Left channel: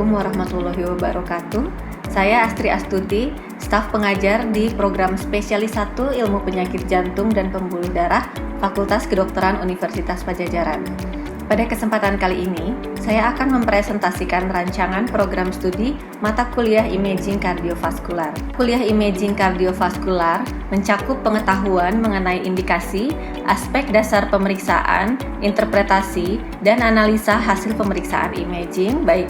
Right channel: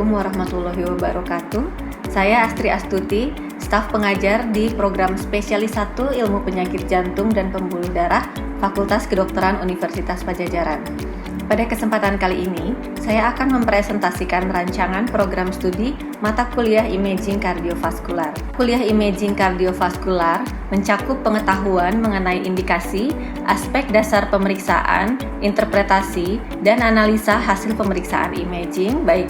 Assalamualaikum warahmatullahi wabarakatuh. Saya Astri Astuti, staf pengajar di program spesialis 1 Ilmu Penyakit Jantung dan Pembuluh Darah Fakultas Kedokteran Universitas Padjadjaran. Pada kesempatan kali ini, saya akan mempresentasikan rancangan program studi mata kuliah Imaging Kardiovaskular. Kuliah Imaging Kardiovaskular mencakup pengetahuan mengenai indikasi, aspek dasar pemeriksaan, interpretasi, dan analisa hasil pemeriksaan imaging baik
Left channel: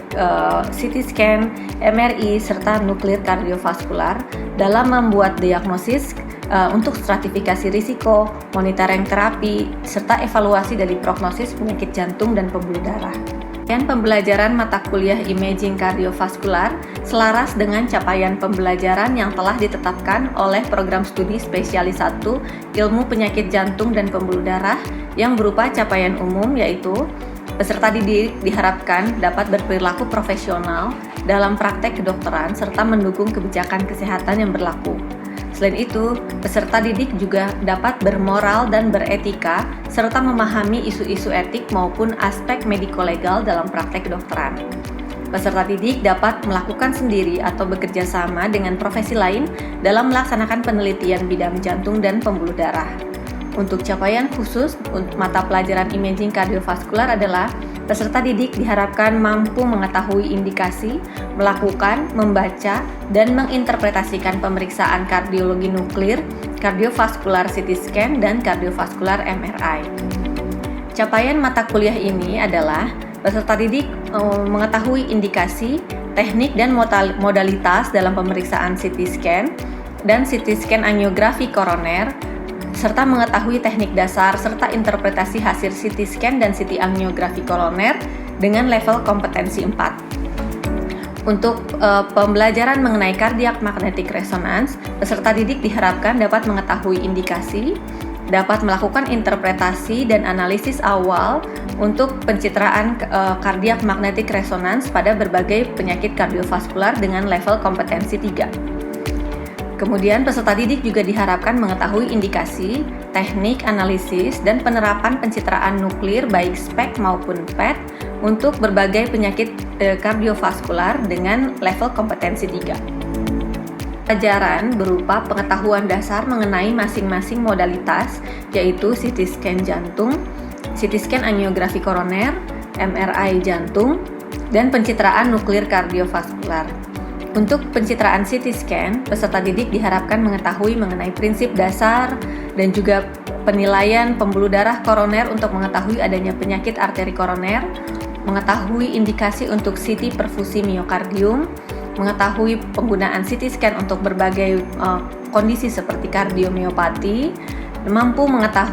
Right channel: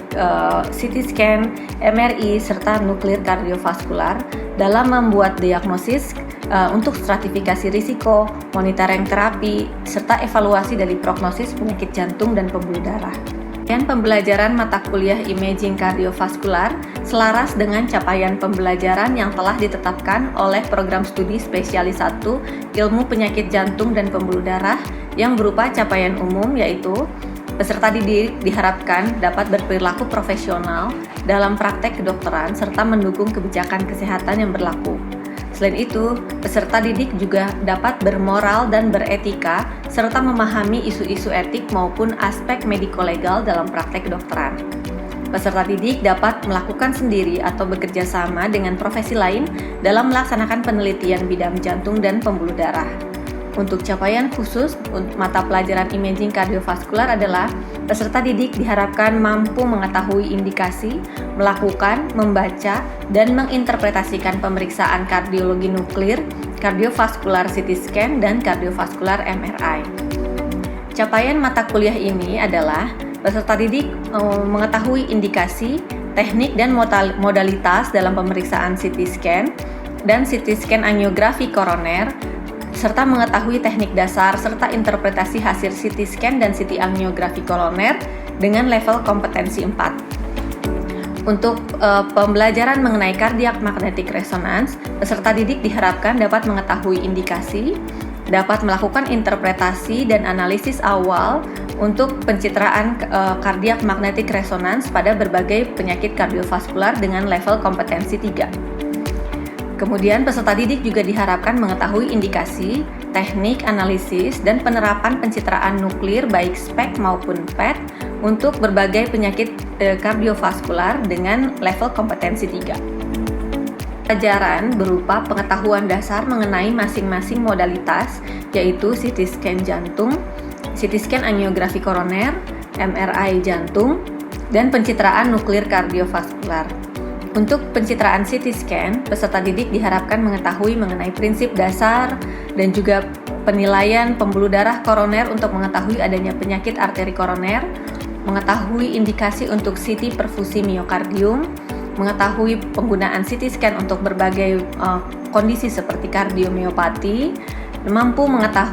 CT scan, MRI, serta nuklir kardiovaskular dalam membuat diagnosis untuk stratifikasi risiko, monitoring terapi, serta evaluasi dari prognosis penyakit jantung dan pembuluh darah. Dan pembelajaran mata kuliah Imaging Kardiovaskular selaras dengan capaian pembelajaran yang telah ditetapkan oleh program studi spesialis 1 Ilmu Penyakit Jantung dan Pembuluh Darah yang berupa capaian umum, yaitu peserta didik diharapkan dapat berperilaku profesional dalam praktek kedokteran serta mendukung kebijakan kesehatan yang berlaku. Selain itu, peserta didik juga dapat bermoral dan beretika serta memahami isu-isu etik maupun aspek mediko-legal dalam praktek kedokteran. Peserta didik dapat melakukan sendiri atau bekerja sama dengan profesi lain dalam melaksanakan penelitian bidang jantung dan pembuluh darah. Untuk capaian khusus mata pelajaran imaging kardiovaskular adalah peserta didik diharapkan mampu mengetahui indikasi, melakukan, membaca, dan menginterpretasikan pemeriksaan kardiologi nuklir, kardiovaskular CT scan, dan kardiovaskular MRI. Capaian mata kuliah ini adalah peserta didik mengetahui indikasi, teknik, dan modalitas dalam pemeriksaan CT scan dan CT scan angiografi koroner, serta mengetahui teknik dasar serta interpretasi hasil CT scan dan CT angiografi koroner dengan level kompetensi 4. Untuk pembelajaran mengenai cardiac magnetic resonance, peserta didik diharapkan dapat mengetahui indikasi, dapat melakukan interpretasi dan analisis awal untuk pencitraan cardiac magnetic resonance pada berbagai penyakit kardiovaskular dengan level kompetensi 3. Kemudian peserta didik juga diharapkan mengetahui indikasi, teknik, analisis, dan penerapan pencitraan nuklir baik SPECT maupun PET untuk berbagai penyakit kardiovaskular dengan level kompetensi 3. Pelajaran berupa pengetahuan dasar mengenai masing-masing modalitas, yaitu CT scan jantung, CT scan angiografi koroner, MRI jantung, dan pencitraan nuklir kardiovaskular. Untuk pencitraan CT scan, peserta didik diharapkan mengetahui mengenai prinsip dasar dan juga penilaian pembuluh darah koroner untuk mengetahui adanya penyakit arteri koroner, mengetahui indikasi untuk CT perfusi miokardium, mengetahui penggunaan CT scan untuk berbagai kondisi seperti kardiomiopati, mampu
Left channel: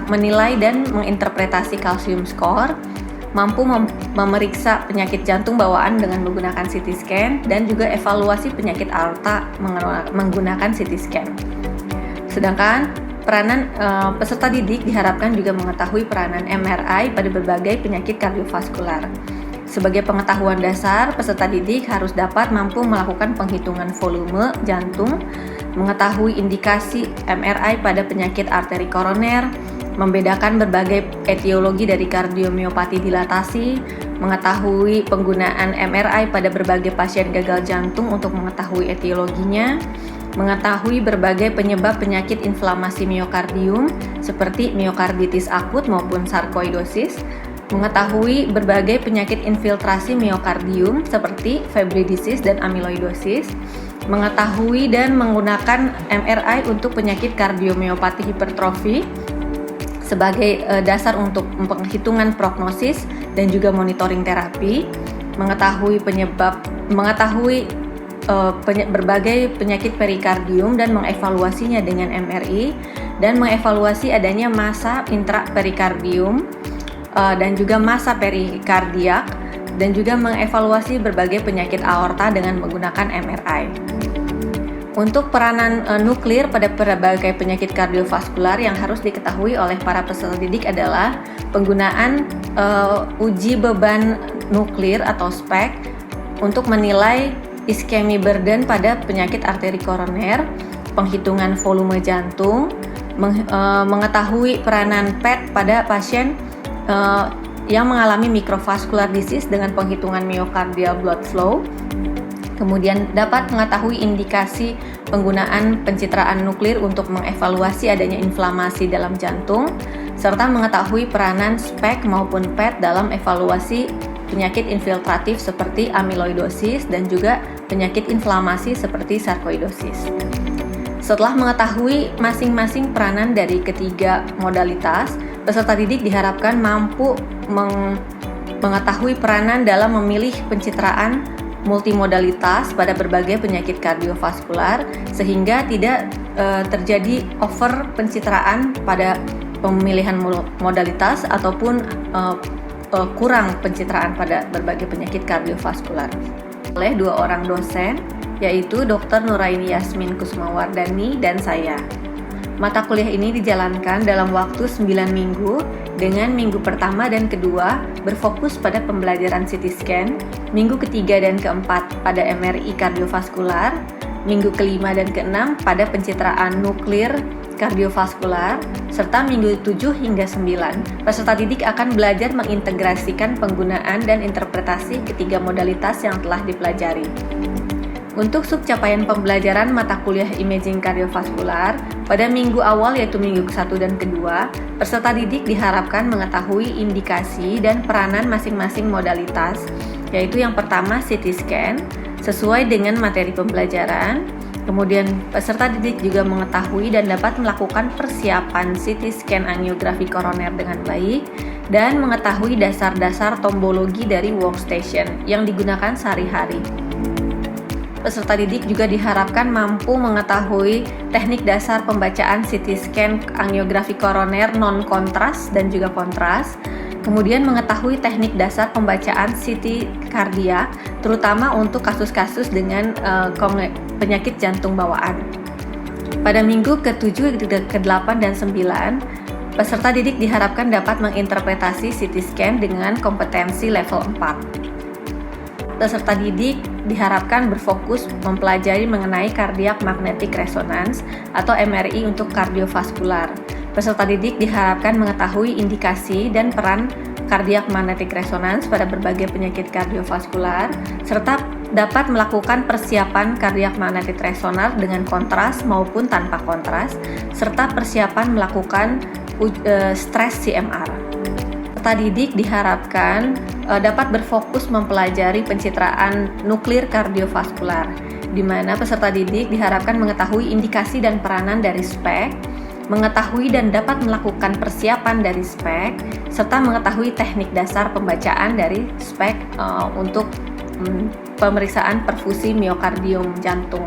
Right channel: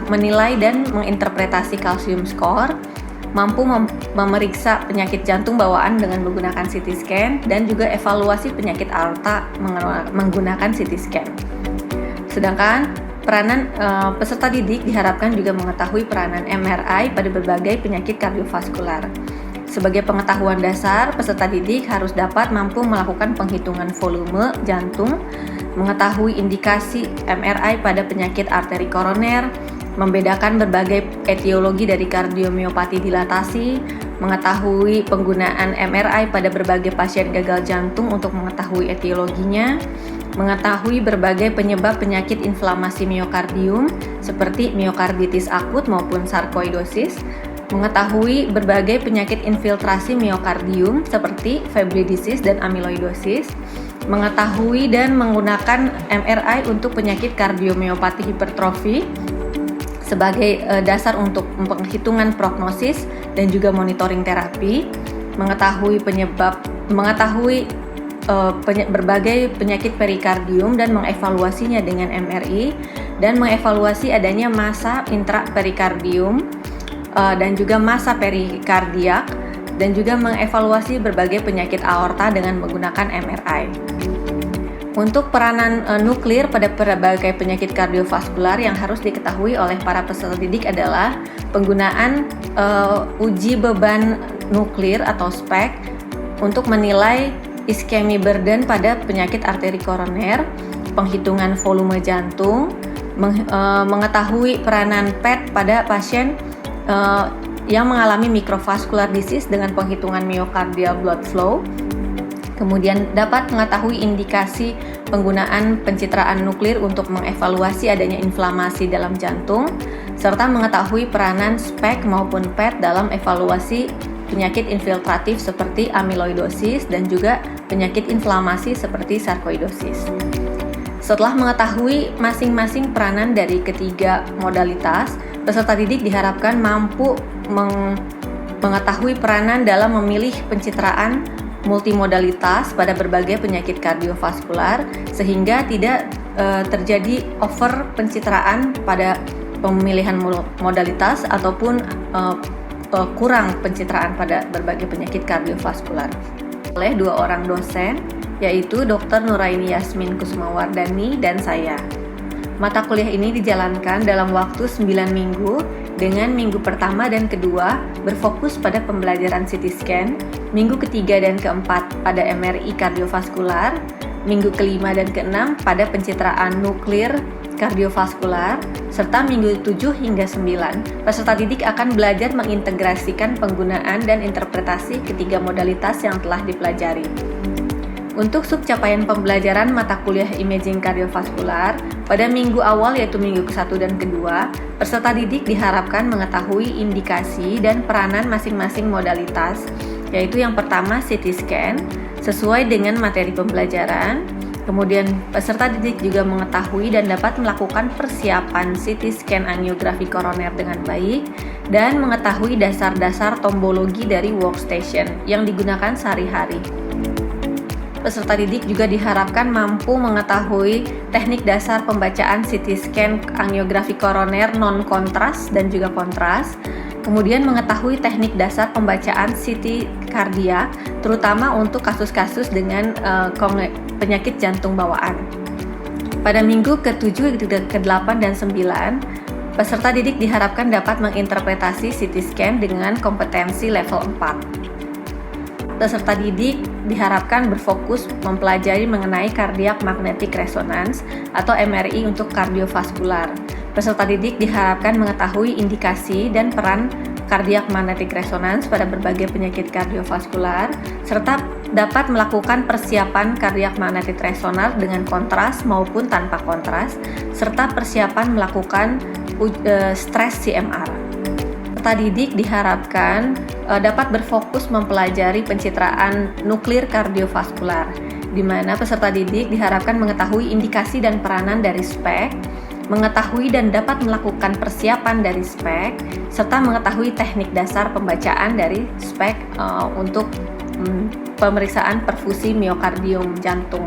menilai dan menginterpretasi kalsium score, mampu memeriksa penyakit jantung bawaan dengan menggunakan CT scan, dan juga evaluasi penyakit aorta menggunakan CT scan. Sedangkan peranan peserta didik diharapkan juga mengetahui peranan MRI pada berbagai penyakit kardiovaskular. Sebagai pengetahuan dasar, peserta didik harus dapat mampu melakukan penghitungan volume jantung, mengetahui indikasi MRI pada penyakit arteri koroner, membedakan berbagai etiologi dari kardiomiopati dilatasi, mengetahui penggunaan MRI pada berbagai pasien gagal jantung untuk mengetahui etiologinya, mengetahui berbagai penyebab penyakit inflamasi miokardium seperti miokarditis akut maupun sarkoidosis, mengetahui berbagai penyakit infiltrasi miokardium seperti fibridisis dan amyloidosis, mengetahui dan menggunakan MRI untuk penyakit kardiomiopati hipertrofi sebagai dasar untuk penghitungan prognosis dan juga monitoring terapi, mengetahui berbagai penyakit perikardium dan mengevaluasinya dengan MRI, dan mengevaluasi adanya massa intraperikardium dan juga massa perikardiak, dan juga mengevaluasi berbagai penyakit aorta dengan menggunakan MRI. Untuk peranan nuklir pada berbagai penyakit kardiovaskular yang harus diketahui oleh para peserta didik adalah penggunaan uji beban nuklir atau SPECT untuk menilai ischemic burden pada penyakit arteri koroner, penghitungan volume jantung, mengetahui peranan PET pada pasien yang mengalami microvascular disease dengan penghitungan myocardial blood flow, Kemudian dapat mengetahui indikasi penggunaan pencitraan nuklir untuk mengevaluasi adanya inflamasi dalam jantung, serta mengetahui peranan SPECT maupun PET dalam evaluasi penyakit infiltratif seperti amyloidosis dan juga penyakit inflamasi seperti sarkoidosis. Setelah mengetahui masing-masing peranan dari ketiga modalitas, peserta didik diharapkan mampu mengetahui peranan dalam memilih pencitraan multimodalitas pada berbagai penyakit kardiovaskular sehingga tidak terjadi over pencitraan pada pemilihan modalitas ataupun kurang pencitraan pada berbagai penyakit kardiovaskular. Oleh dua orang dosen, yaitu Dr. Nuraini Yasmin Kusumawardani dan saya. Mata kuliah ini dijalankan dalam waktu 9 minggu dengan minggu pertama dan kedua berfokus pada pembelajaran CT scan, minggu ketiga dan keempat pada MRI kardiovaskular, minggu kelima dan keenam pada pencitraan nuklir kardiovaskular, serta minggu 7 hingga 9, peserta didik akan belajar mengintegrasikan penggunaan dan interpretasi ketiga modalitas yang telah dipelajari. Untuk subcapaian pembelajaran mata kuliah imaging kardiovaskular, pada minggu awal yaitu minggu ke-1 dan kedua, peserta didik diharapkan mengetahui indikasi dan peranan masing-masing modalitas, yaitu yang pertama CT scan, sesuai dengan materi pembelajaran. Kemudian peserta didik juga mengetahui dan dapat melakukan persiapan CT scan angiografi koroner dengan baik dan mengetahui dasar-dasar tombologi dari workstation yang digunakan sehari-hari. Peserta didik juga diharapkan mampu mengetahui teknik dasar pembacaan CT scan angiografi koroner non-kontras dan juga kontras, kemudian mengetahui teknik dasar pembacaan CT kardiak, terutama untuk kasus-kasus dengan penyakit jantung bawaan. Pada minggu ke-7, ke-8, dan 9, peserta didik diharapkan dapat menginterpretasi CT scan dengan kompetensi level 4. Peserta didik diharapkan berfokus mempelajari mengenai cardiac magnetic resonance atau MRI untuk kardiovaskular. Peserta didik diharapkan mengetahui indikasi dan peran cardiac magnetic resonance pada berbagai penyakit kardiovaskular, serta dapat melakukan persiapan cardiac magnetic resonance dengan kontras maupun tanpa kontras, serta persiapan melakukan stres CMR. Peserta didik diharapkan dapat berfokus mempelajari pencitraan nuklir kardiovaskular, di mana peserta didik diharapkan mengetahui indikasi dan peranan dari SPECT, mengetahui dan dapat melakukan persiapan dari SPECT, serta mengetahui teknik dasar pembacaan dari SPECT untuk pemeriksaan perfusi miokardium jantung.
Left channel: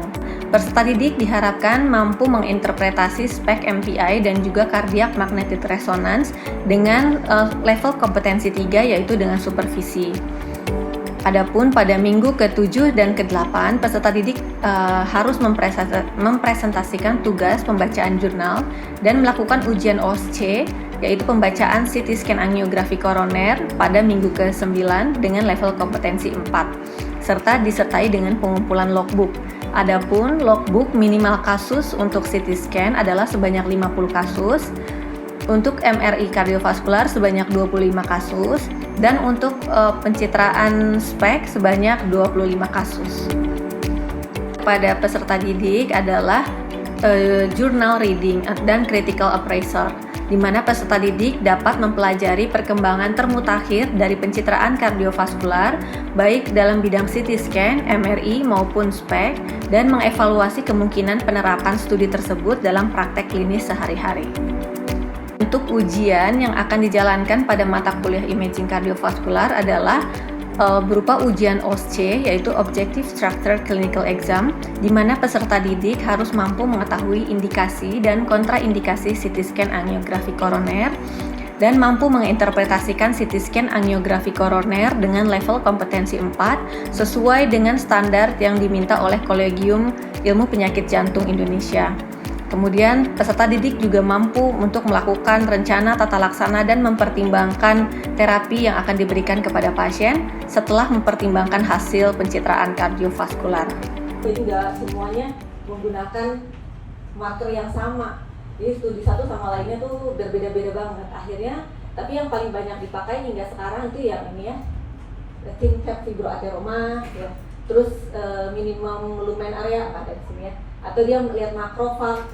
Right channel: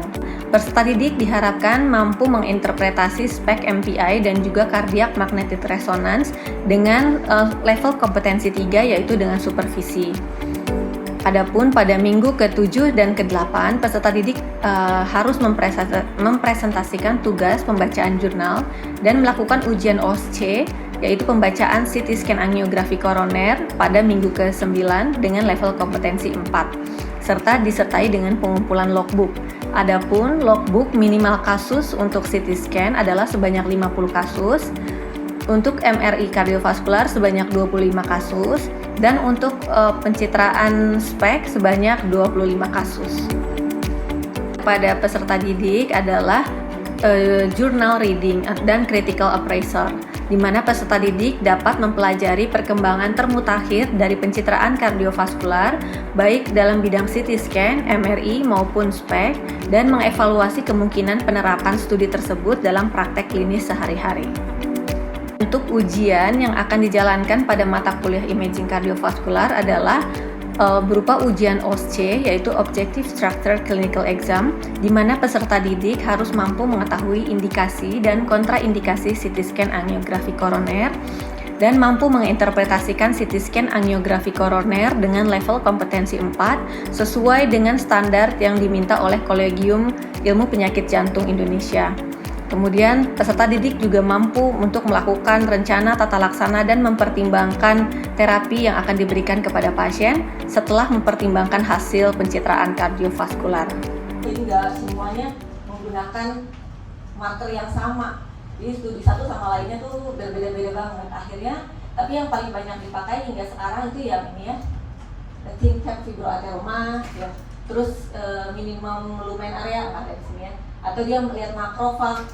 Peserta didik diharapkan mampu menginterpretasi SPECT MPI dan juga cardiac magnetic resonance dengan level kompetensi 3, yaitu dengan supervisi. Adapun pada minggu ke-7 dan ke-8, peserta didik harus mempresentasikan tugas pembacaan jurnal dan melakukan ujian OSCE, yaitu pembacaan CT scan angiografi koroner pada minggu ke-9 dengan level kompetensi 4, serta disertai dengan pengumpulan logbook. Adapun logbook minimal kasus untuk CT scan adalah sebanyak 50 kasus, untuk MRI kardiovaskular sebanyak 25 kasus, dan untuk pencitraan SPECT sebanyak 25 kasus. Pada peserta didik adalah journal reading dan critical appraiser, di mana peserta didik dapat mempelajari perkembangan termutakhir dari pencitraan kardiovaskular, baik dalam bidang CT scan, MRI, maupun SPECT, dan mengevaluasi kemungkinan penerapan studi tersebut dalam praktek klinis sehari-hari. Untuk ujian yang akan dijalankan pada mata kuliah imaging kardiovaskular adalah berupa ujian OSCE, yaitu Objective Structure Clinical Exam, di mana peserta didik harus mampu mengetahui indikasi dan kontraindikasi CT scan angiografi koroner dan mampu menginterpretasikan CT scan angiografi koroner dengan level kompetensi 4 sesuai dengan standar yang diminta oleh Kolegium Ilmu Penyakit Jantung Indonesia. Kemudian peserta didik juga mampu untuk melakukan rencana tata laksana dan mempertimbangkan terapi yang akan diberikan kepada pasien setelah mempertimbangkan hasil pencitraan kardiovaskular. Jadi nggak semuanya menggunakan materi yang sama. Jadi studi satu sama lainnya tuh berbeda-beda banget. Akhirnya, tapi yang paling banyak dipakai hingga sekarang itu ya ini ya, ThinCap fibroateroma, ya, terus minimum lumen area ada di sini ya, atau dia melihat makrofag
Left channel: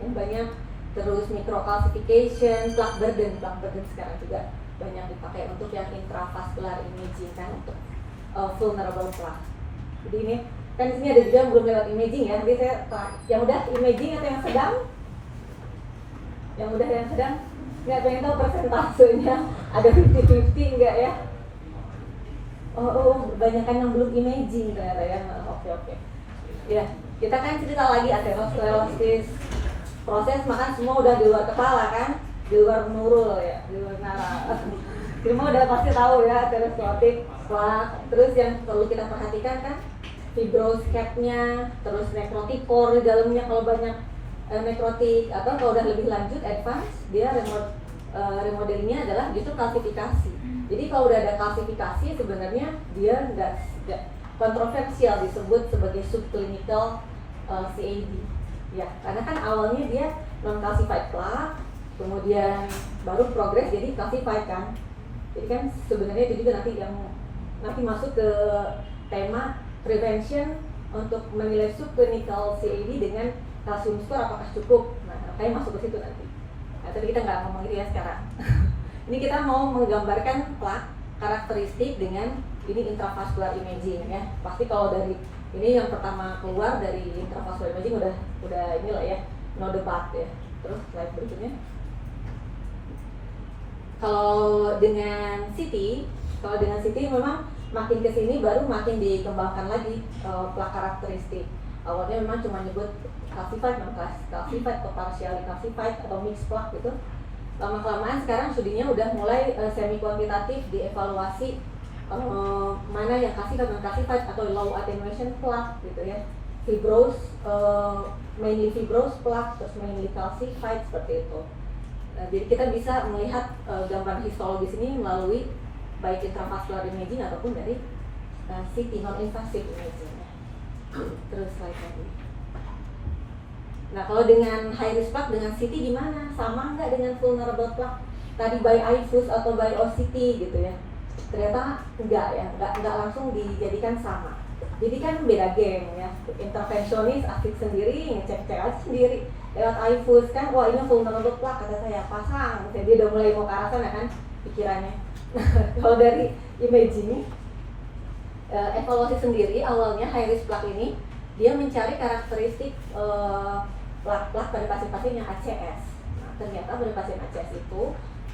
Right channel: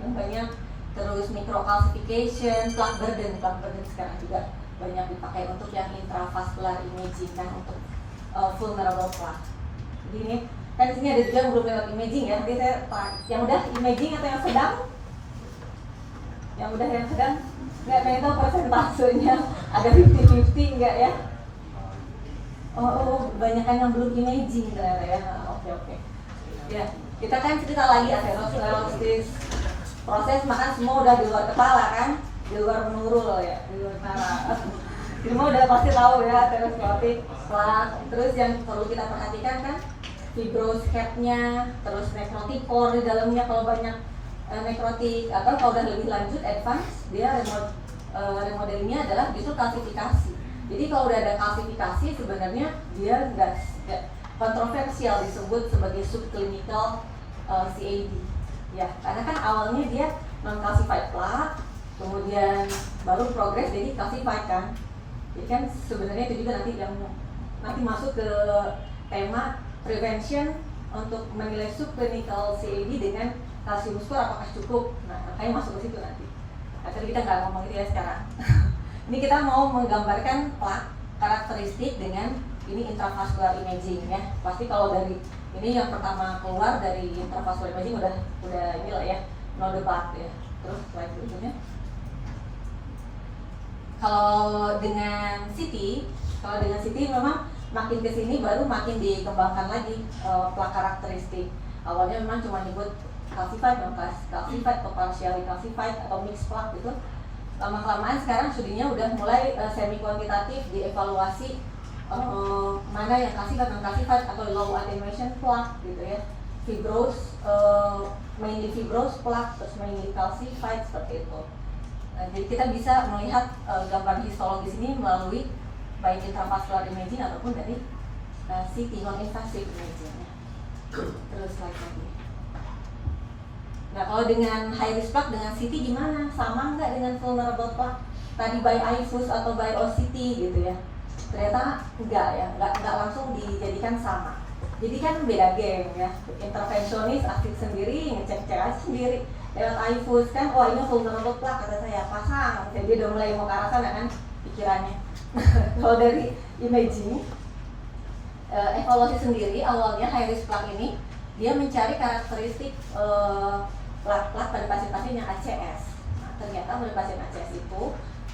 yang banyak, terus microcalcification, plaque burden sekarang juga banyak dipakai untuk yang intravascular imaging kan, untuk vulnerable plaque. Jadi ini kan di sini ada juga yang belum lewat imaging ya, nanti saya yang udah imaging atau yang sedang, nggak pengen tahu persentasenya ada 50-50 enggak ya? Oh, kebanyakan yang belum imaging ternyata ya. Oke. Ya, kita kan cerita lagi aterosklerosis proses makan semua udah di luar kepala kan, di luar menurul ya, di luar nara. Semua udah pasti tahu ya aterosklerotik. Terus yang perlu kita perhatikan kan fibrous cap-nya, terus necrotic core di dalamnya kalau banyak nekrotik, atau kalau udah lebih lanjut advance dia remodelingnya adalah justru kalsifikasi. Jadi kalau udah ada kalsifikasi sebenarnya dia nggak kontroversial disebut sebagai subclinical CAD ya, karena kan awalnya dia non calcified plaque, kemudian baru progres jadi calcified kan. Jadi kan sebenarnya itu juga nanti masuk ke tema prevention untuk menilai subclinical CAD dengan kalsium score apakah cukup. Nah, makanya masuk ke situ nanti. Nah, tapi kita nggak ngomong itu ya sekarang. Ini kita mau menggambarkan plaque karakteristik dengan ini intravascular imaging ya. Pasti kalau dari ini yang pertama keluar dari intravascular imaging udah inilah ya, node plaque ya. Terus slide berikutnya. Kalau dengan CT memang makin kesini baru makin dikembangkan lagi plaque karakteristik. Awalnya memang cuma nyebut calcified, non-calcified, atau partially calcified atau mixed plaque gitu. Lama-kelamaan sekarang studinya udah mulai semi kuantitatif dievaluasi mana yang calcified, non-calcified atau low attenuation plaque gitu ya. Fibrous, mainly fibrous plaque, terus mainly calcified seperti itu. Jadi kita bisa melihat gambar histologis ini melalui baik intravascular imaging ataupun dari CT non-invasive imaging. Terus slide lagi. Nah, kalau dengan high risk plaque dengan CT gimana? Sama nggak dengan vulnerable plaque? Tadi by IFUS atau by OCT gitu ya? Ternyata enggak ya, enggak langsung dijadikan sama. Jadi kan beda geng ya. Intervensionis asik sendiri, ngecek CA sendiri. Lewat IFUS kan, wah ini vulnerable plaque kata saya, pasang. Jadi dia udah mulai mau ke arah sana kan pikirannya. Kalau dari imaging, evaluasi sendiri awalnya high risk plaque ini dia mencari karakteristik plaque pada pasien-pasien yang ACS. Nah, ternyata pada pasien ACS itu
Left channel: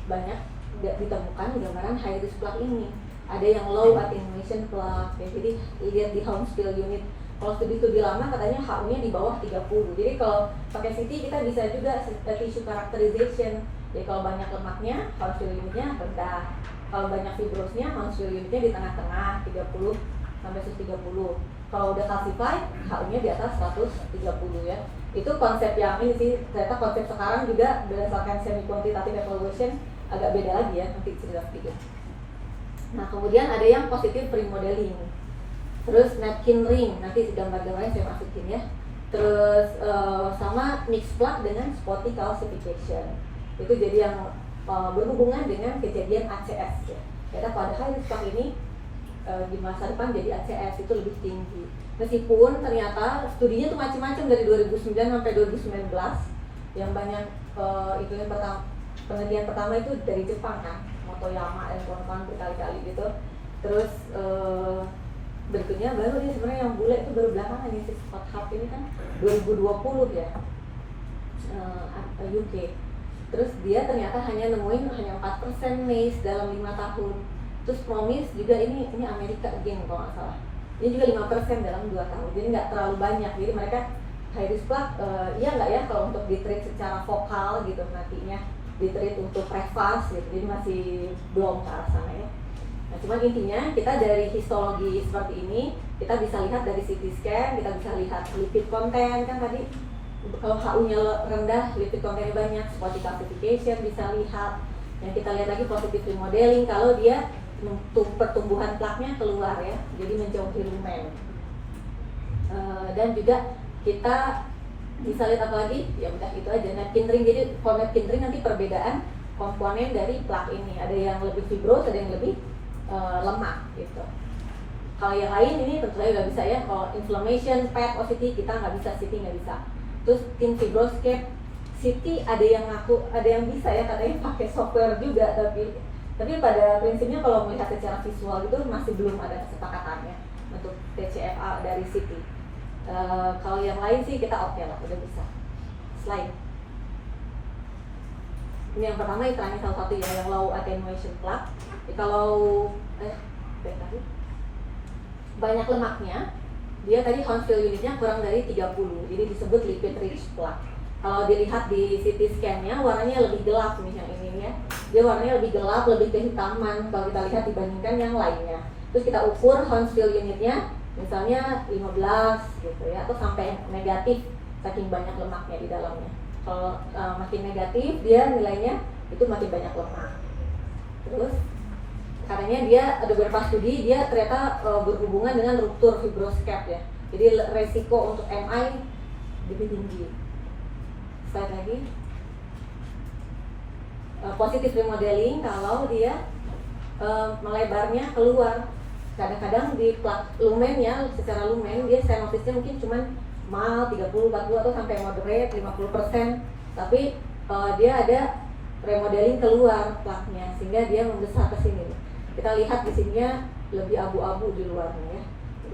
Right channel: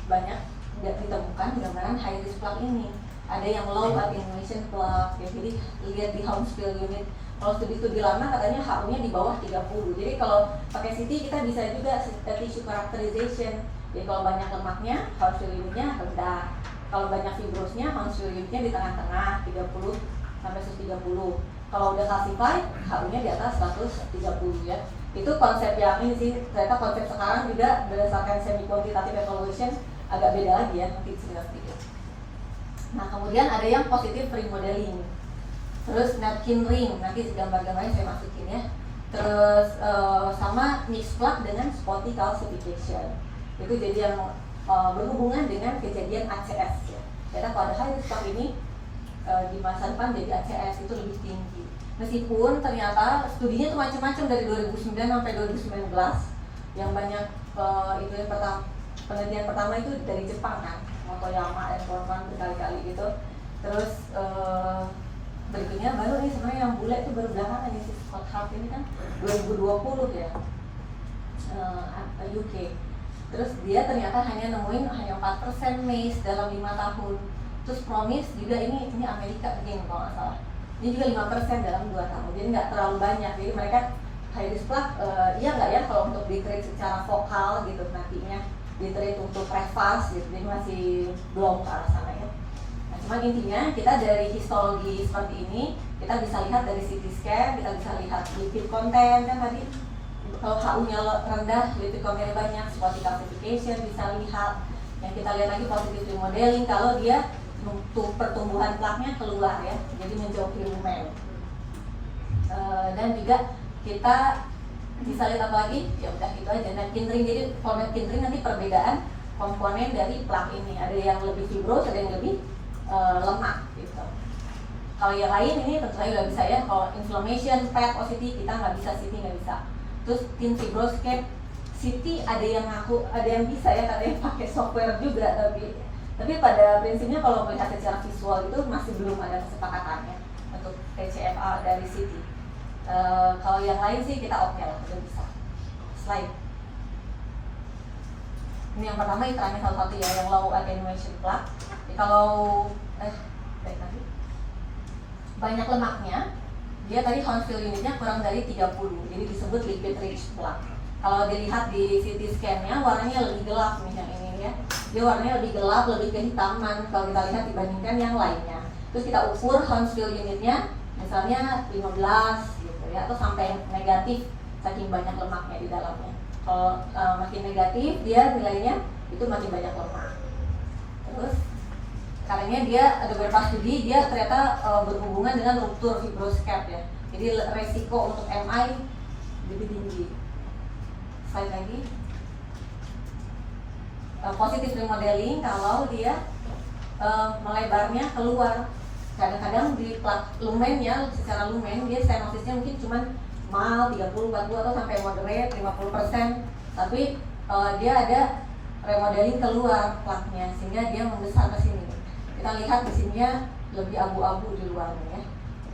banyak ditemukan gambaran high risk plaque ini. Ada yang low attenuation plaque, ya, jadi lihat di Hounsfield unit. Kalau studi lama katanya HU-nya di bawah 30. Jadi kalau pakai CT kita bisa juga tissue characterization. Jadi kalau banyak lemaknya, Hounsfield unitnya rendah. Kalau banyak fibrosnya, Hounsfield unitnya di tengah-tengah 30 sampai 130. Kalau udah calcified, HU-nya di atas 130 ya. Itu konsep yang ini sih, ternyata konsep sekarang juga berdasarkan semi quantitative evaluation agak beda lagi ya, nanti cerita sedikit. Nah, kemudian ada yang positive remodeling. Terus napkin ring, nanti gambar-gambarnya saya masukin ya. Terus sama mixed plaque dengan spotty calcification. Itu jadi yang berhubungan dengan kejadian ACS ya. Ternyata pada high risk plaque ini di masa depan jadi ACS itu lebih tinggi. Meskipun ternyata studinya tuh macam-macam dari 2009 sampai 2019. Yang banyak itu yang penelitian pertama itu dari Jepang kan, Motoyama dan kawan-kawan berkali-kali gitu. Terus berikutnya baru nih sebenarnya yang bule itu baru belakangan nih, si Scott Hart ini kan 2020 ya, UK. Terus dia ternyata hanya nemuin 4% MACE dalam 5 tahun. Terus Promise juga ini Amerika geng kalau nggak salah. Ini juga 5% dalam 2 tahun. Jadi nggak terlalu banyak. Jadi mereka high risk plaque, iya nggak ya kalau untuk di-treat secara vokal gitu nantinya, di-treat untuk prevas gitu. Jadi masih belum ke arah sana ya. Nah, cuman intinya kita dari histologi seperti ini kita bisa lihat dari CT scan, kita bisa lihat lipid content kan tadi. Kalau HU-nya rendah, lipid content banyak, spotty calcification bisa lihat. Yang kita lihat lagi positive remodeling kalau dia pertumbuhan plaknya keluar ya, jadi menjauhi lumen. Dan juga kita bisa lihat apa lagi? Ya udah itu aja. Napkin ring, jadi kalau napkin ring nanti perbedaan komponen dari plak ini. Ada yang lebih fibros, ada yang lebih lemak gitu. Kalau yang lain ini tentu saja nggak bisa ya. Kalau inflammation, PET, OCT kita nggak bisa, CT nggak bisa. Terus thin fibroscope, CT ada yang ngaku, ada yang bisa ya, katanya pakai software juga, tapi pada prinsipnya kalau melihat secara visual itu masih belum ada kesepakatannya untuk TCFA dari CT. Kalau yang lain sih kita oke lah, udah bisa. Slide. Ini yang pertama istilahnya salah satu yang low attenuation plaque. Kalau baik lagi. Banyak lemaknya, dia tadi Hounsfield unitnya kurang dari 30, jadi disebut lipid rich plaque. Kalau dilihat di CT scan-nya warnanya lebih gelap nih yang ini ya. Dia warnanya lebih gelap, lebih kehitaman kalau kita lihat dibandingkan yang lainnya. Terus kita ukur Hounsfield unitnya misalnya 15 gitu ya, atau sampai negatif saking banyak lemaknya di dalamnya. Kalau makin negatif dia nilainya itu makin banyak lemak. Terus karena dia ada beberapa studi dia ternyata berhubungan dengan ruptur fibroscope ya. Jadi resiko untuk MI lebih tinggi. Slide lagi. Positive remodeling kalau dia melebarnya keluar. Kadang-kadang di lumennya, secara lumen dia stenosis-nya mungkin cuma mild 30, 40 atau sampai moderate 50%. Tapi dia ada remodeling keluar plaknya sehingga dia membesar ke sini. Kita lihat di sininya lebih abu-abu di luarnya ya.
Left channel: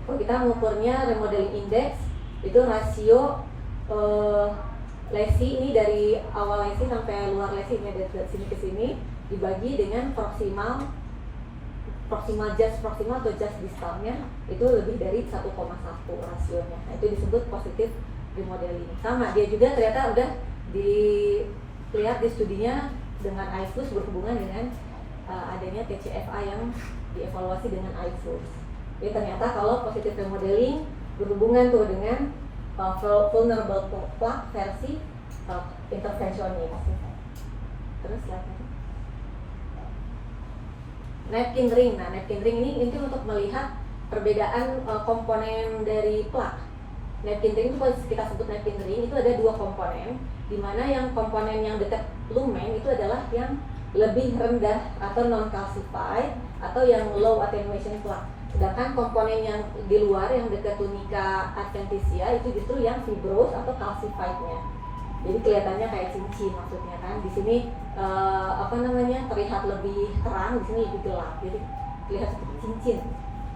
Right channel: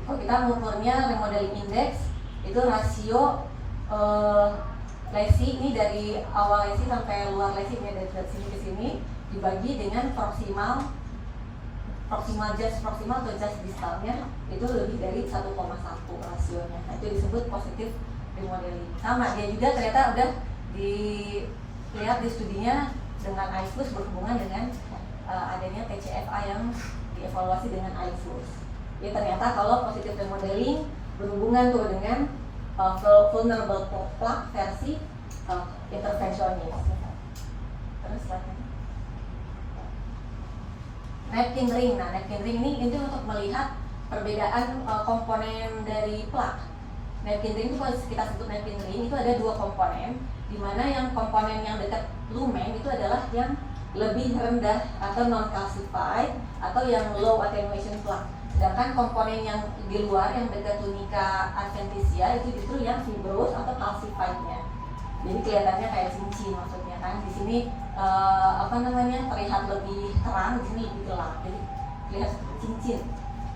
Kalau kita mengukurnya remodeling index itu rasio lesi ini dari awal lesi sampai luar lesi ini dari sini ke sini dibagi dengan proximal atau just distalnya itu lebih dari 1,1 rasionya. Nah, itu disebut positif remodeling. Sama dia juga ternyata udah dilihat di studinya dengan IFUS berhubungan dengan adanya TCFA yang dievaluasi dengan IFUS. Jadi ternyata kalau positif remodeling berhubungan tuh dengan vulnerable plaque versi intervensionis. Terus lagi napkin ring. Nah, napkin ring ini untuk melihat perbedaan komponen dari plaque. Napkin ring itu kalau kita sebut napkin ring itu ada dua komponen, di mana yang komponen yang dekat lumen itu adalah yang lebih rendah atau non calcified atau yang low attenuation plaque. Sedangkan komponen yang di luar yang dekat tunica adventitia itu justru yang fibrous atau calcified-nya. Jadi kelihatannya kayak cincin maksudnya kan. Di sini terlihat lebih terang, di sini lebih gelap. Jadi terlihat seperti cincin.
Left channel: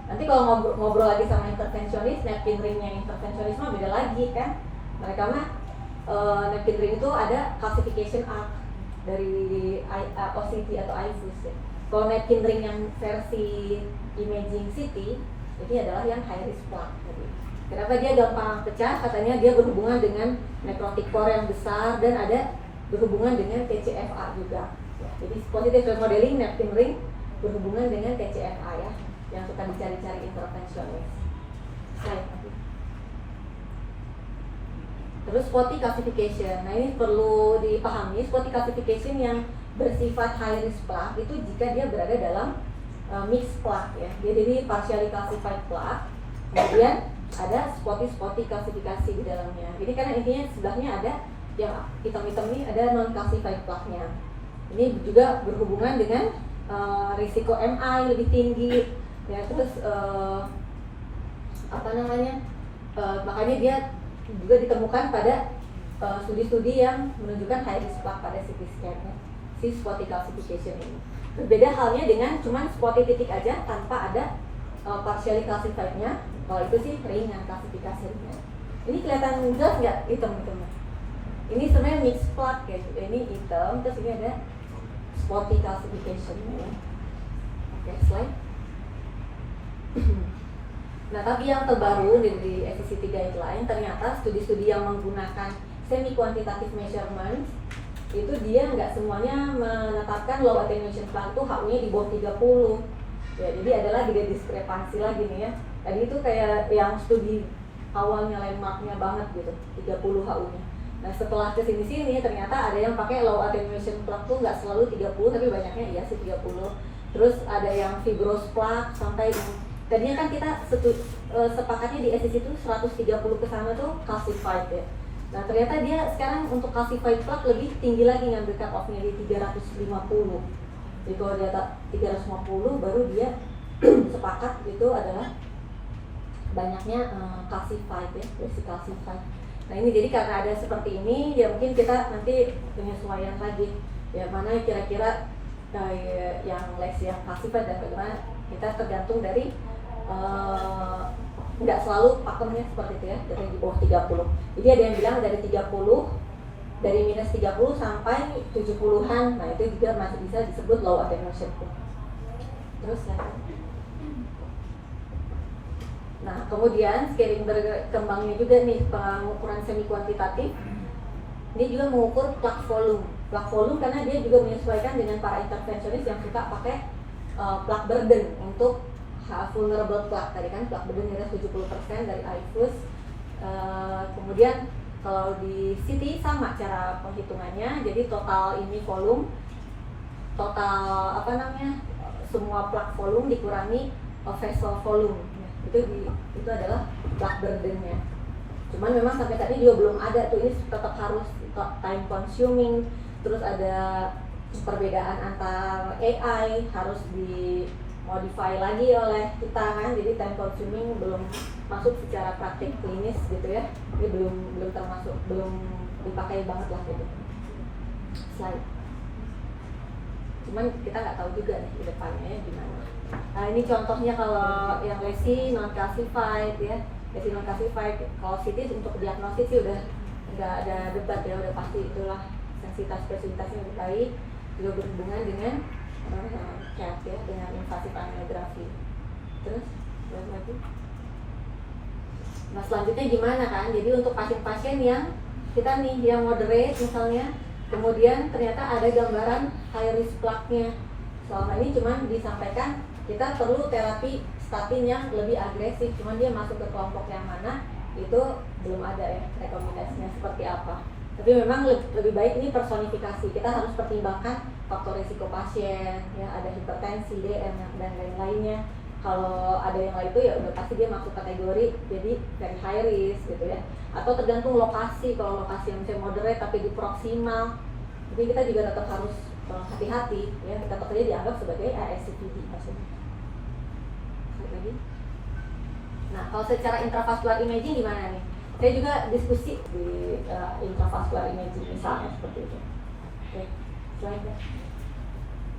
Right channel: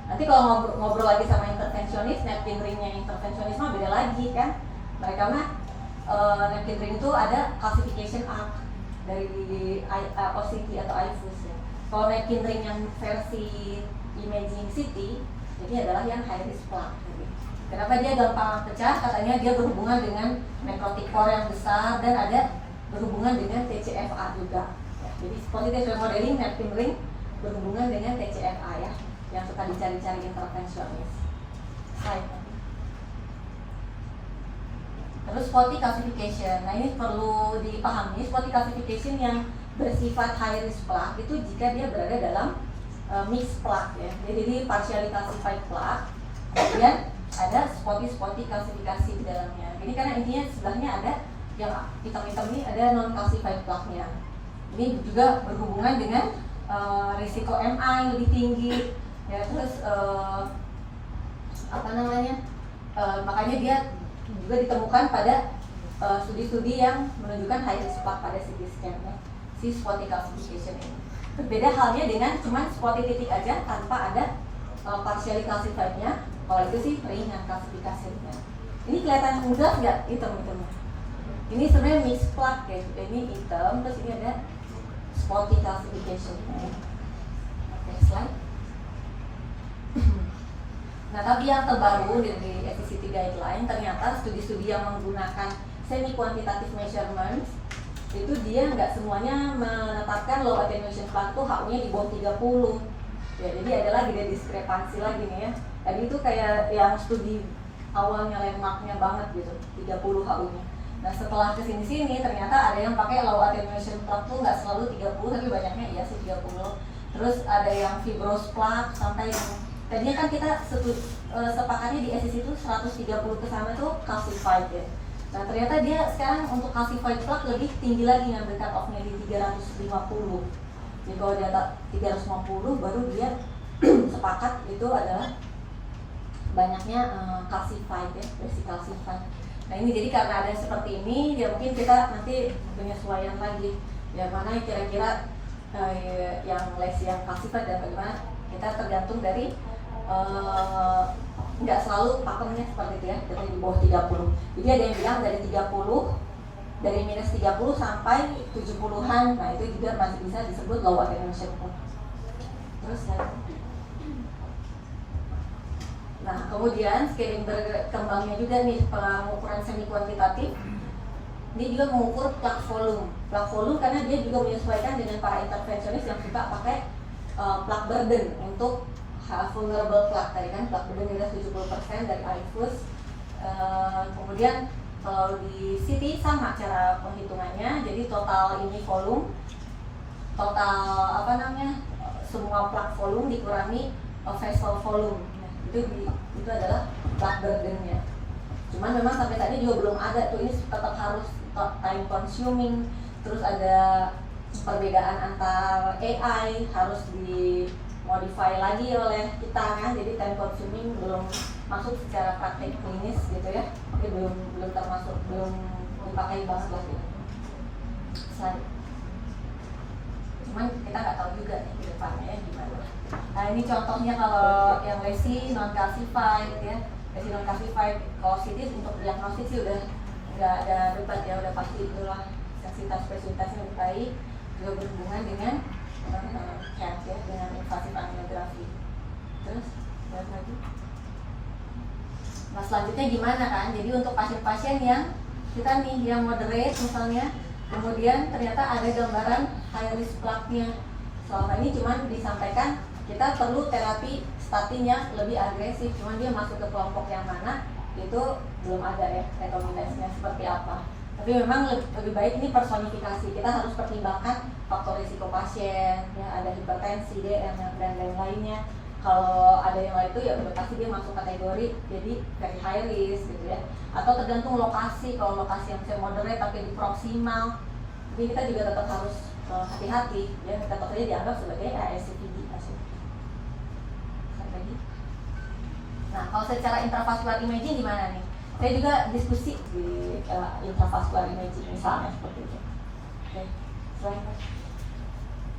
Nanti kalau ngobrol lagi sama intervensionis, napkin ringnya intervensionis mah beda lagi kan. Mereka mah napkin ring itu ada classification arc dari OCT atau IFUS ya. Kalau napkin ring yang versi imaging CT ini adalah yang high risk plaque. Kenapa dia gampang pecah? Katanya dia berhubungan dengan necrotic core yang besar dan ada berhubungan dengan TCFA juga. Ya, jadi positive remodeling napkin ring berhubungan dengan TCFA ya, yang suka dicari-cari intervensionis. Terus spotty calcification. Nah ini perlu dipahami, spotty calcification yang bersifat high risk plaque itu jika dia berada dalam mixed plaque ya. Jadi partially calcified plaque, kemudian ada spotty kalsifikasi di dalamnya. Jadi karena intinya sebelahnya ada yang hitam-hitam ini ada non calcified plaque-nya. Ini juga berhubungan dengan risiko MI lebih tinggi ya. Terus makanya dia juga ditemukan pada studi-studi yang menunjukkan high risk plaque pada CT scan ya, si spotty calcification ini. Berbeda halnya dengan cuman spotty titik aja tanpa ada partially calcified-nya. Kalau itu sih ringan kalsifikasinya. Ini kelihatan jelas nggak hitam-hitam? Ini sebenarnya mixed plaque ya. Ini hitam, terus ini ada spotty calcification-nya. Oke, slide. Nah, tapi yang terbaru dari SCCT guideline ternyata studi-studi yang menggunakan semi quantitative measurements itu dia nggak semuanya menetapkan low attenuation plaque itu HU-nya di bawah 30. Ya, jadi ada lagi dia diskrepansi lagi nih ya. Tadi itu kayak yang studi awalnya landmarknya banget gitu, 30 HU-nya. Nah setelah kesini-sini ternyata ada yang pakai low attenuation plaque tuh nggak selalu 30, tapi banyaknya iya sih 30. Terus ada yang fibrous plaque sampai tadinya kan kita sepakatnya di SCC itu 130 ke sana tuh calcified ya. Nah ternyata dia sekarang untuk calcified plaque lebih tinggi lagi yang cut off-nya di 350. Jadi kalau di atas 350 baru dia sepakat itu adalah banyaknya calcified ya, basic calcified. Nah ini jadi karena ada seperti ini, ya mungkin kita nanti penyesuaian lagi ya mana kira-kira yang les yang calcified dan bagaimana kita tergantung dari nggak selalu pakemnya seperti itu ya, dari di bawah 30. Jadi ada yang bilang dari 30, dari minus 30 sampai 70-an, nah itu juga masih bisa disebut low attenuation curve. Terus ya. Nah, kemudian scaling berkembangnya juga nih pengukuran semi kuantitatif. Ini juga mengukur plak volume. Plak volume karena dia juga menyesuaikan dengan para intervensionis yang suka pakai plak burden untuk vulnerable plak. Tadi kan plak burden adalah 70% dari IFUS. Kemudian kalau di CT sama cara penghitungannya. Jadi total ini volume, total semua plak volume dikurangi vessel volume. Itu adalah plak burden-nya. Cuman memang sampai saat ini juga belum ada tuh, ini tetap harus time consuming, terus ada perbedaan antar AI harus dimodify lagi oleh kita kan, jadi time consuming belum masuk secara praktik klinis gitu ya, jadi belum termasuk, belum dipakai banget lah gitu. Slide. Cuman kita nggak tahu juga nih di depannya gimana. Nah ini contohnya kalau yang lesi non calcified ya, lesi non calcified. Kalau CT untuk diagnostik sih udah nggak ada debat ya, udah pasti itulah sensitivitas spesifitasnya lebih baik, juga berhubungan dengan CAT ya, dengan invasif angiografi. Terus lagi. Nah selanjutnya gimana kan? Jadi untuk pasien-pasien yang kita nih yang moderate misalnya, kemudian ternyata ada gambaran high risk plaque-nya. Selama ini cuma disampaikan kita perlu terapi statin yang lebih agresif, cuman dia masuk ke kelompok yang mana itu belum ada ya rekomendasinya seperti apa. Tapi memang lebih baik ini personifikasi, kita harus pertimbangkan faktor risiko pasien, ya ada hipertensi, DM dan lain-lainnya. Kalau ada yang lain itu ya udah pasti dia masuk kategori jadi very high risk gitu ya. Atau tergantung lokasi, kalau lokasi yang bisa moderate tapi di proksimal, jadi kita juga tetap harus hati-hati ya, tetap saja dianggap sebagai ASCVD. Lagi. Nah kalau secara intravascular imaging gimana nih? Saya juga diskusi di intravascular imaging misalnya seperti itu. Oke, selain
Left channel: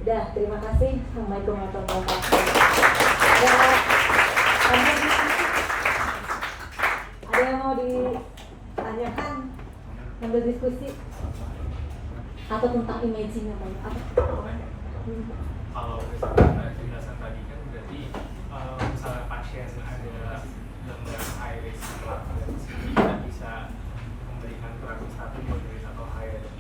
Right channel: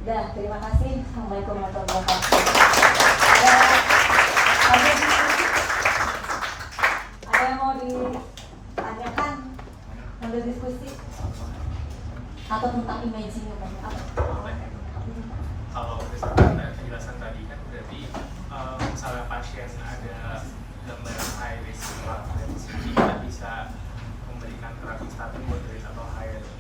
udah, terima kasih. Assalamualaikum warahmatullahi wabarakatuh. Ada yang mau ditanyakan untuk diskusi atau tentang imaging apa? Kalau berdasarkan penjelasan tadi kan berarti misalnya pasien ada gambaran high risk dari sini kita bisa memberikan terapi statin moderate atau high risk.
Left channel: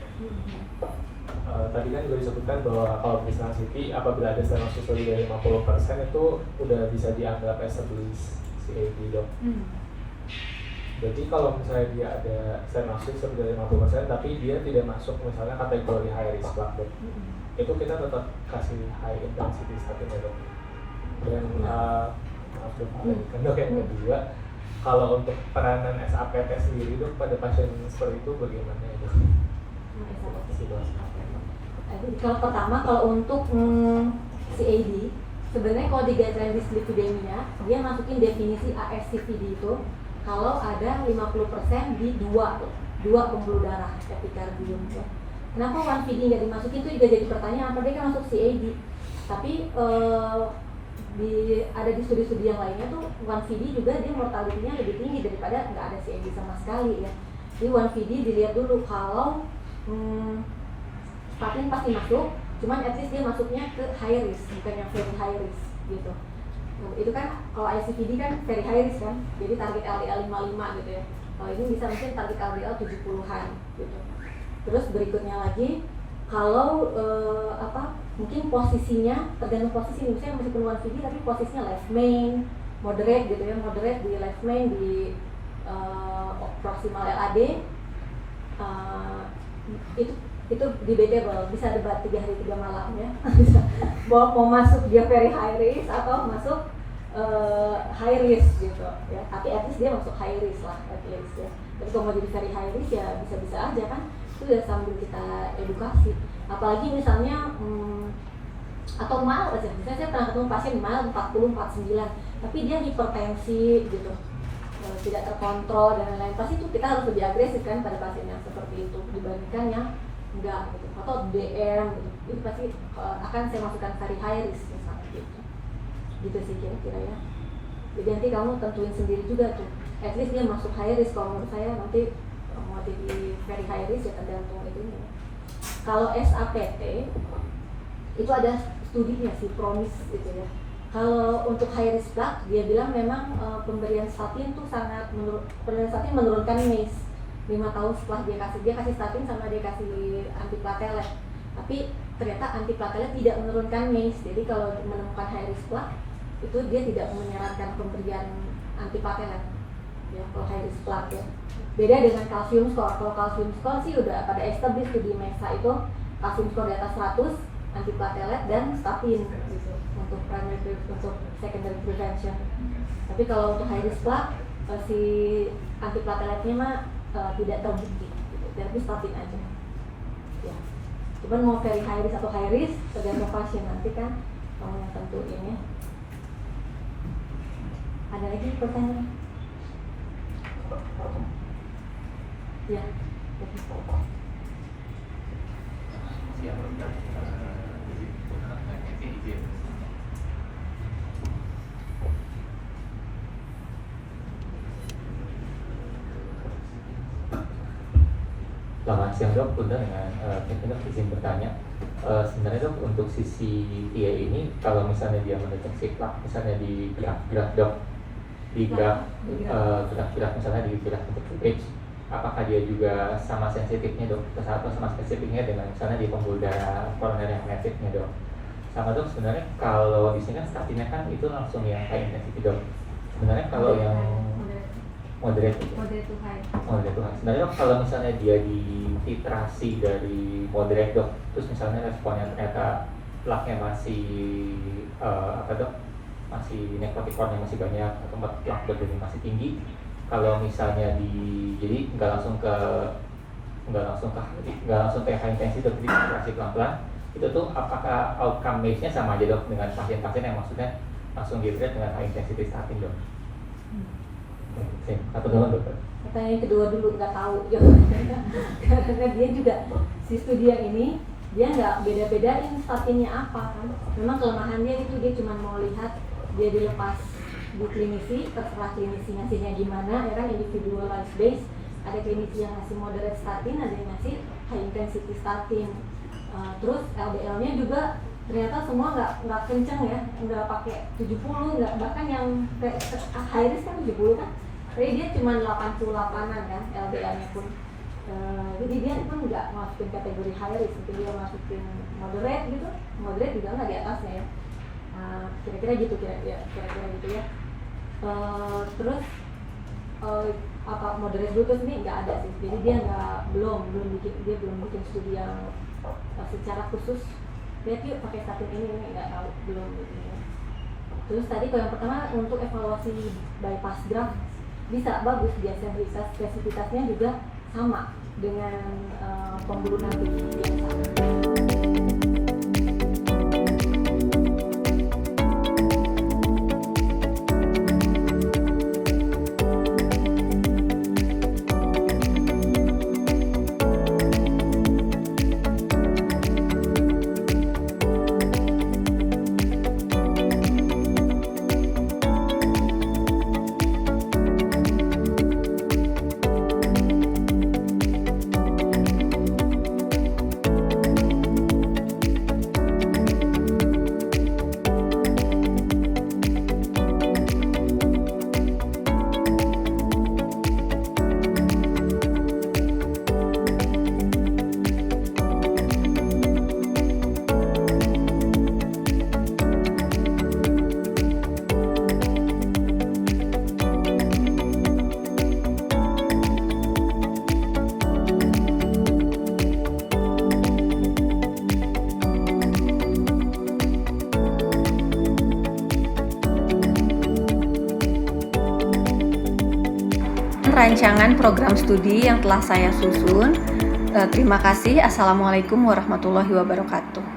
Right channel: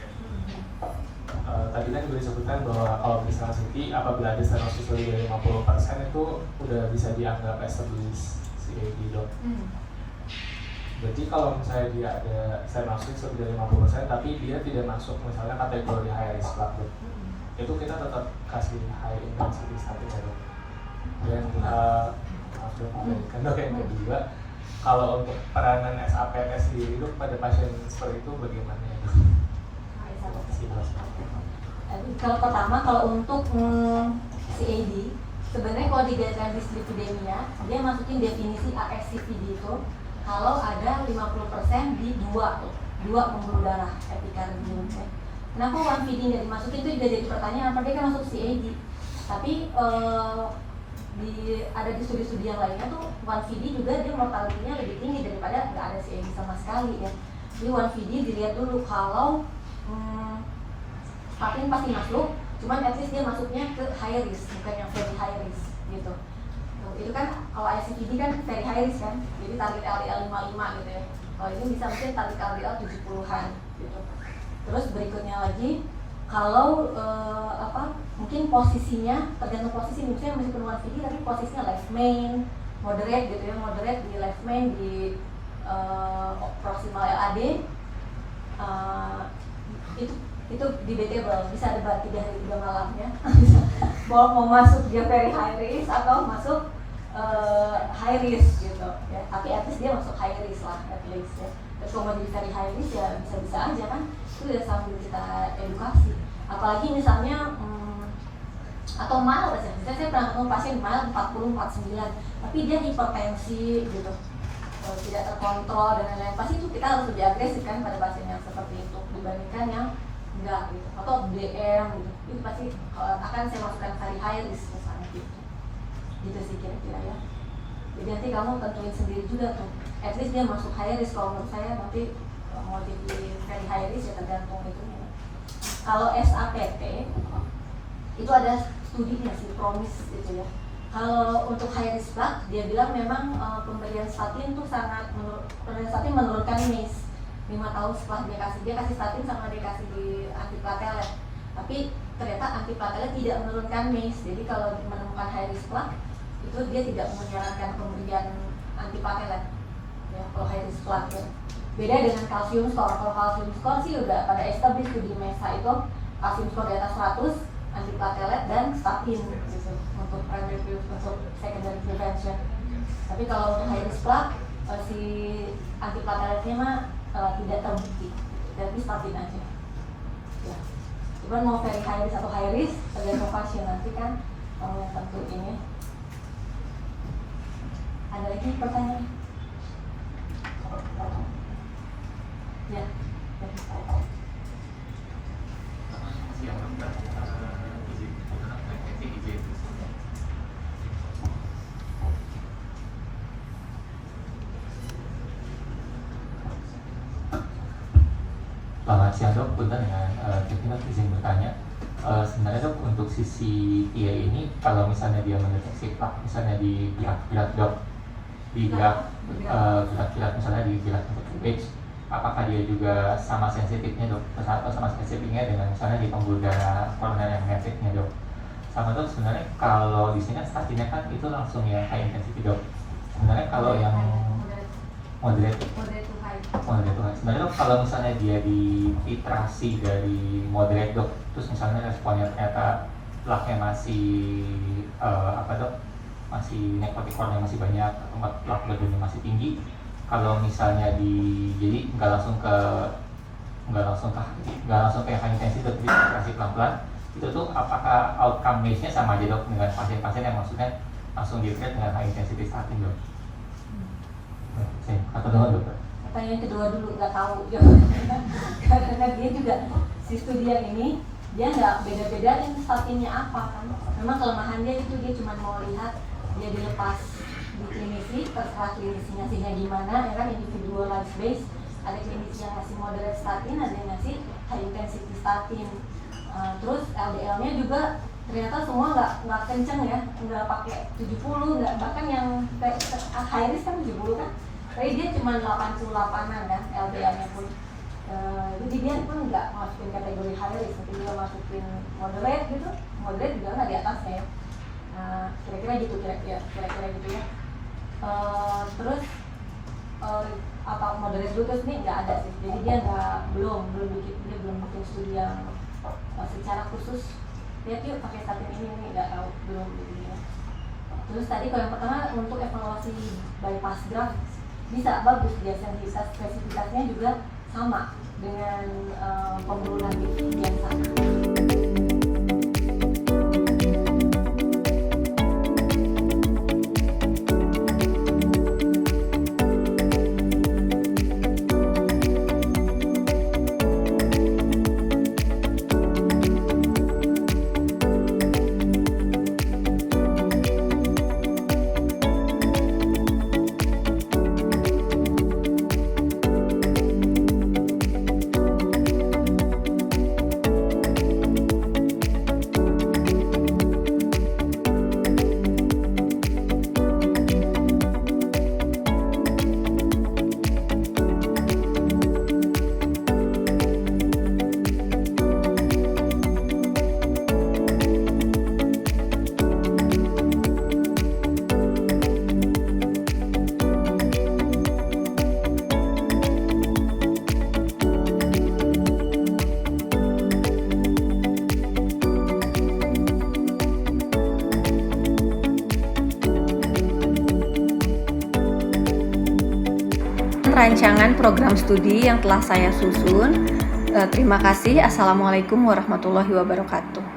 Tadi kan gue disebutkan bahwa kalau misalnya CT apabila ada stenosis lebih dari 50% itu udah bisa dianggap established CAD dok. Jadi kalau misalnya dia ada stenosis lebih dari 50% tapi dia tidak masuk misalnya kategori high risk plaque, itu kita tetap kasih high intensity statin ya dok. Dan maaf dok, dok yang kedua, kalau untuk peranan SAPT sendiri dok pada pasien seperti itu bagaimana ya dok? Kalau pertama, kalau untuk CAD, sebenarnya kalau di guideline dyslipidemia, dia masukin definisi ASCVD itu kalau ada 50% di dua pembuluh darah epikardium ya. Kenapa 1VD nggak dimasukin, itu juga jadi pertanyaan, apa dia kan masuk CAD, tapi ada di studi-studi yang lainnya tuh 1VD juga dia mortality-nya lebih tinggi daripada nggak ada CAD sama sekali ya. Di 1VD dilihat dulu kalau statin pasti masuk, cuman at least dia masuknya ke high risk, bukan yang very high risk gitu. Itu kan kalau ICVD kan very high risk kan, jadi target LDL 55 gitu ya. Kalau ini bisa mungkin target LDL 70-an gitu. Terus berikutnya lagi, kalau mungkin posisinya, tergantung posisi, misalnya masih penuh 1VD tapi posisinya left main, moderate gitu ya, moderate di left main, di proximal LAD, itu debatable, bisa debat 3 hari 3 malam ya. mau masuk dia very high risk atau masuk high risk gitu ya, tapi at least dia masuk high risk lah at least ya. Terus kalau mau jadi very high risk ya bisa-bisa aja kan, itu udah sambil kita edukasi. Apalagi misalnya atau mild aja, misalnya saya pernah ketemu pasien mild 40-49 tapi dia hipertensi gitu, tidak terkontrol dan lain-lain, pasti itu kita harus lebih agresif kan pada pasien yang seperti itu dibandingkan yang enggak gitu, atau DM gitu. Itu pasti akan saya masukkan kari high risk misalnya gitu sih kira-kira ya. Jadi nanti kamu tentuin sendiri juga tuh, at least dia masuk high risk. Kalau menurut saya nanti mau jadi very high risk ya tergantung itu. Kalau SAPT itu ada studinya sih, promise gitu ya. Kalau untuk high risk plaque, dia bilang memang pemberian statin tuh pemberian statin menurunkan MACE 5 tahun setelah dia kasih statin sama dia kasih antiplatelet. Tapi ternyata antiplatelet tidak menurunkan MACE. Jadi kalau menemukan high risk plaque itu dia tidak menyarankan pemberian antiplatelet. Ya, kalau high risk plaque ya. Beda dengan kalsium score. Kalau kalsium score sih udah pada established di MESA itu kalsium score di atas 100, antiplatelet dan statin gitu, untuk primary untuk secondary prevention. Tapi kalau untuk high risk plaque si antiplateletnya mah tidak terbukti, jadi statin aja. Ya. Cuman mau very high risk atau high risk tergantung pasien, nanti kan kamu yang tentu ini. Ada lagi pertanyaan? Ya. Selamat siang dok, punten dengan Kevin dok, izin bertanya. Sebenarnya dok, untuk sisi TIA ini kalau misalnya dia mendeteksi plaque misalnya di gerak-gerak dok, di gerak-gerak misalnya di gerak untuk age, apakah dia juga sama sensitifnya dok, atau sama spesifiknya dengan misalnya di pembuluh darah koroner yang masifnya dok? Sama dok, sebenarnya kalau di sini kan statinnya kan itu langsung yang high intensity dok. Sebenarnya kalau yang moderate to high. Sebenarnya dok, kalau misalnya dia di titrasi dari moderate dok, terus misalnya responnya ternyata plaque-nya masih masih nekrotikornya masih banyak atau plaque burdennya masih tinggi, kalau misalnya jadi nggak langsung ke high intensity tapi titrasi pelan-pelan, itu tuh apakah outcome MACE-nya sama aja dok dengan pasien-pasien yang maksudnya langsung di-treat dengan high intensity statin dok? Atau dulu dokter? Pertanyaan kedua dulu, nggak tahu jawabannya. Karena dia juga si studi ini dia nggak beda-bedain statinnya apa kan. Memang kelemahannya itu dia cuma mau lihat dia dilepas di klinisi, terserah klinisi ngasihnya gimana ya kan, individualized base. Ada klinisi yang ngasih moderate statin, ada yang ngasih high intensity statin. Terus LDL-nya juga ternyata semua nggak kenceng ya, nggak pakai 70, nggak, bahkan yang high risk kan 70 kan, tapi dia cuma 88an kan LDL-nya pun. Jadi dia pun nggak masukin kategori high risk, mungkin dia masukin moderate gitu, moderate juga nggak di atasnya ya. Kira-kira gitu ya. Terus apa moderate glucose ini nggak ada sih, jadi dia belum bikin studi yang secara khusus lihat yuk pakai statin ini nggak tahu, belum gitu ya. Terus tadi kalau yang pertama untuk evaluasi bypass drug bisa bagus, dia spesifikasinya juga sama dengan pembuluh longitudinal biasa. Rancangan program studi yang telah saya susun. Terima kasih. Assalamualaikum warahmatullahi wabarakatuh.